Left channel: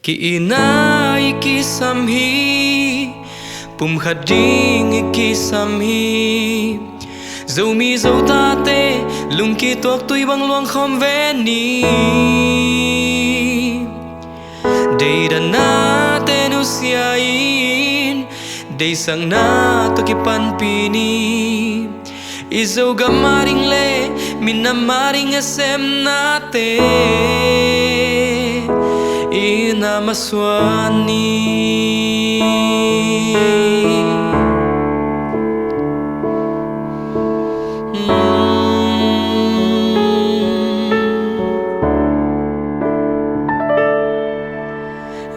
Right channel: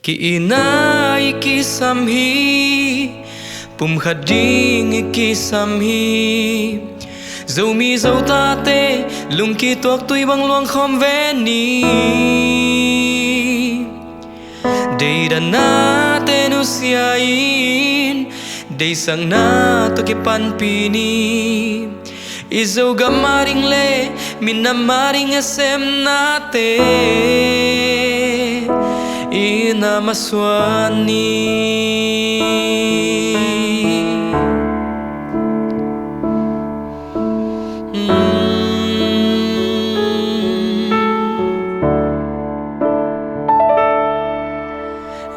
Ki inai ki samhi pum khading ki samhi dâu mi dâu ta tê lung ki tuak tui bang luang khom ve ni dei da na te nu sia in dei sang na to ki pan pi ni izo gamaring le min na maring asem na te ina maswani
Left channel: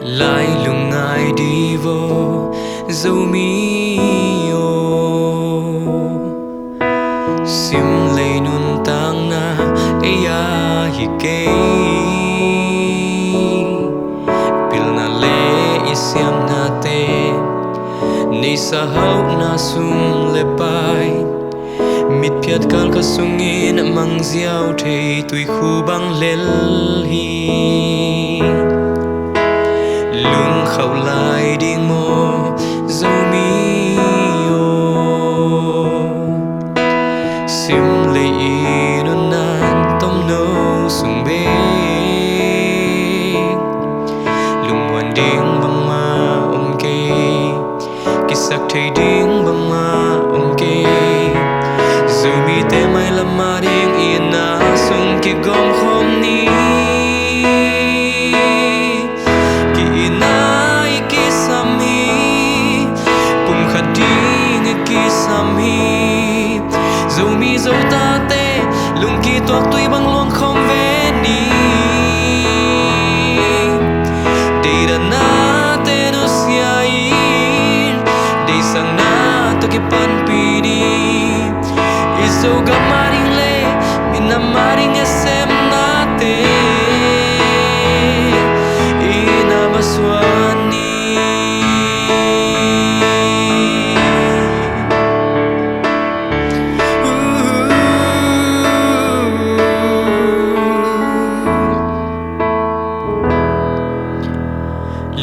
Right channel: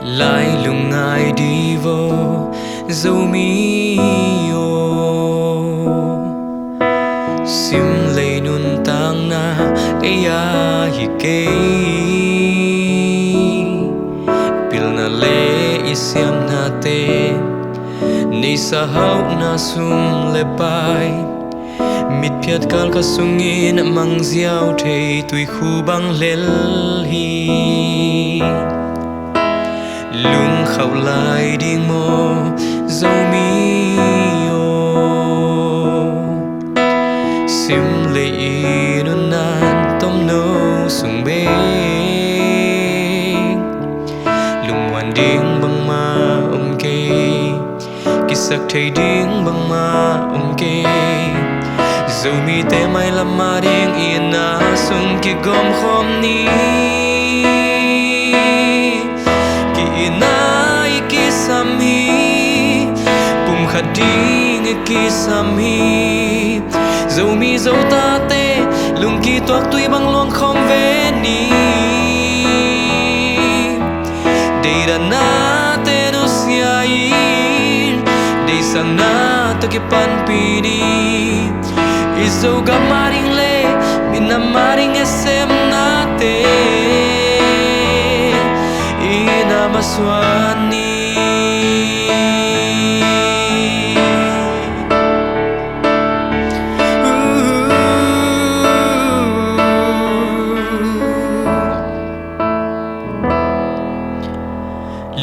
lại lungai đi vô dâu mi ô sim lấy nun tang na eya hi ke pil na le isiam na te nei sa hau na sum le pai mit phiat kal ka sungin mang ziau thei tui khu bang lel hi lung khâu lại điên mô dâu mi ô sim lấy nun nan tom nô sung bê lung hoàn điên băng ma kê kisak thầy điên băng ma kê dâu mi te mai lam ma điên yên na sung ki gom khom ni inai ki samhi pum khading ki samhi dâu mi dâu ta te lung ki tuak tui bang luang khom ve ni dei da na te nu sia in dei sang na to ki pan pi ni izo gamaring le min na maring esem na te ina maswani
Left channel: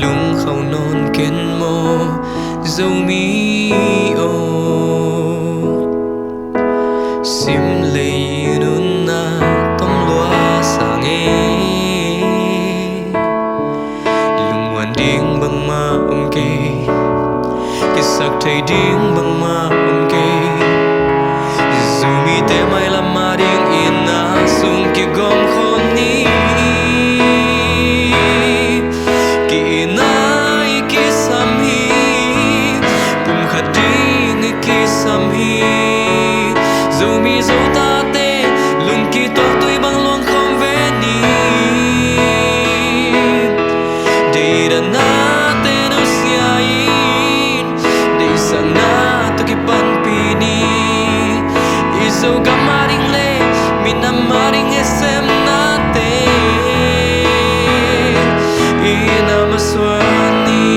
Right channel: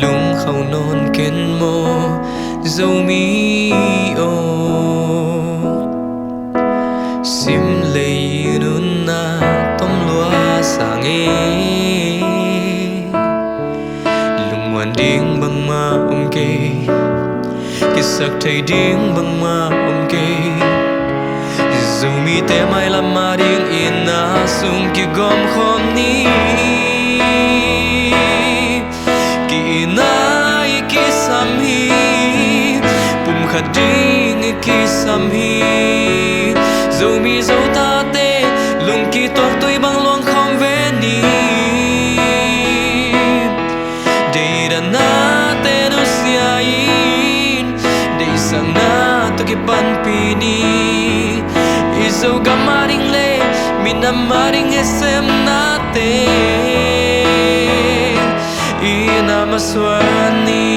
lung khâu non ken mo dâu mi ô sim lấy nun na tom loa sang hoàn điên băng ma kê kisak thầy điên băng ma kê dù mi te mai lam ma điên in na sung ki gom khom ni ki nai ki samhi pum khading ki samhi dù mi dâu ta te lung ki tuak tui bang luang khom ve ni dei da na te nu sia in dei sang na to ki pan pi ni izo gamaring le min na maring esem na te ina maswani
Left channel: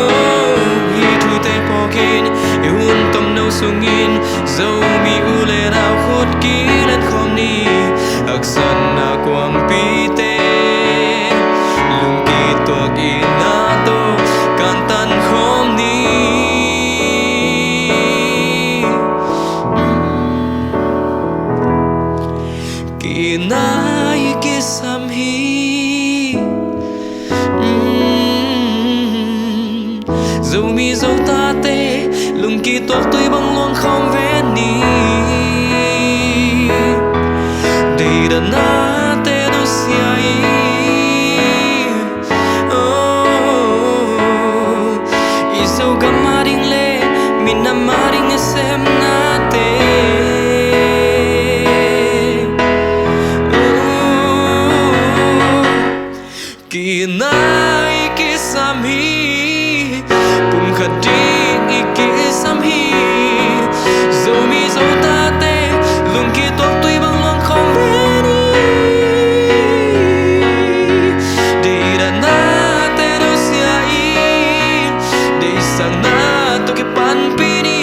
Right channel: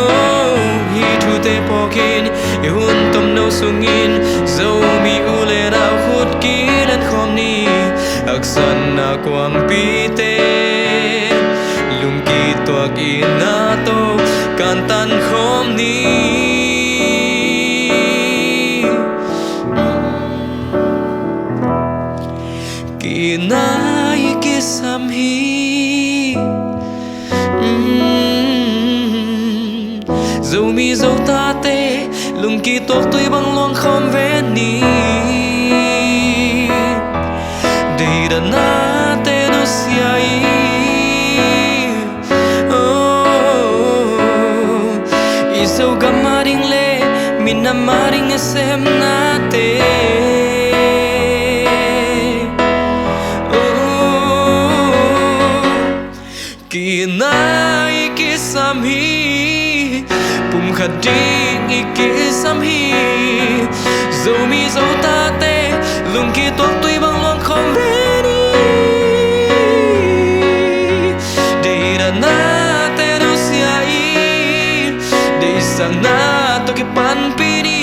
oh hi thu te pokin e hun tom no sungin dâu mi u le rao khut ki len khom ni aksan na kwam pi te lung ki tuak ina to kan tan khom ni ki nai ki samhi dâu mi dâu ta te lung ki tuak tui bang luang khom ve ni dei da na te nu sia izo gamaring le min na maring esem na te ki nai ki samhi pum khading ki samhi dâu mi dâu ta te lung ki tuak tui bang luang khom ve ni dei da na te nu sia in dei sang na to ki pan pi ni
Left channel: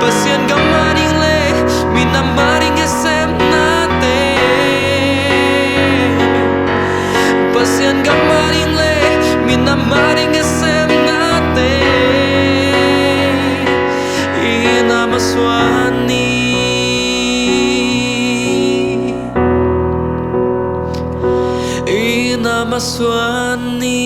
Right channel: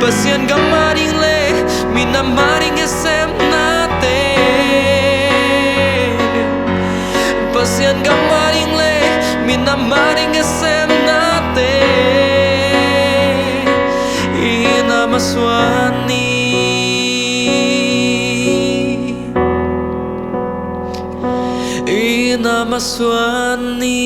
pasian gamaring le min na maring esem na te sian gamaring le minamaring esem nate ina maswani ina maswani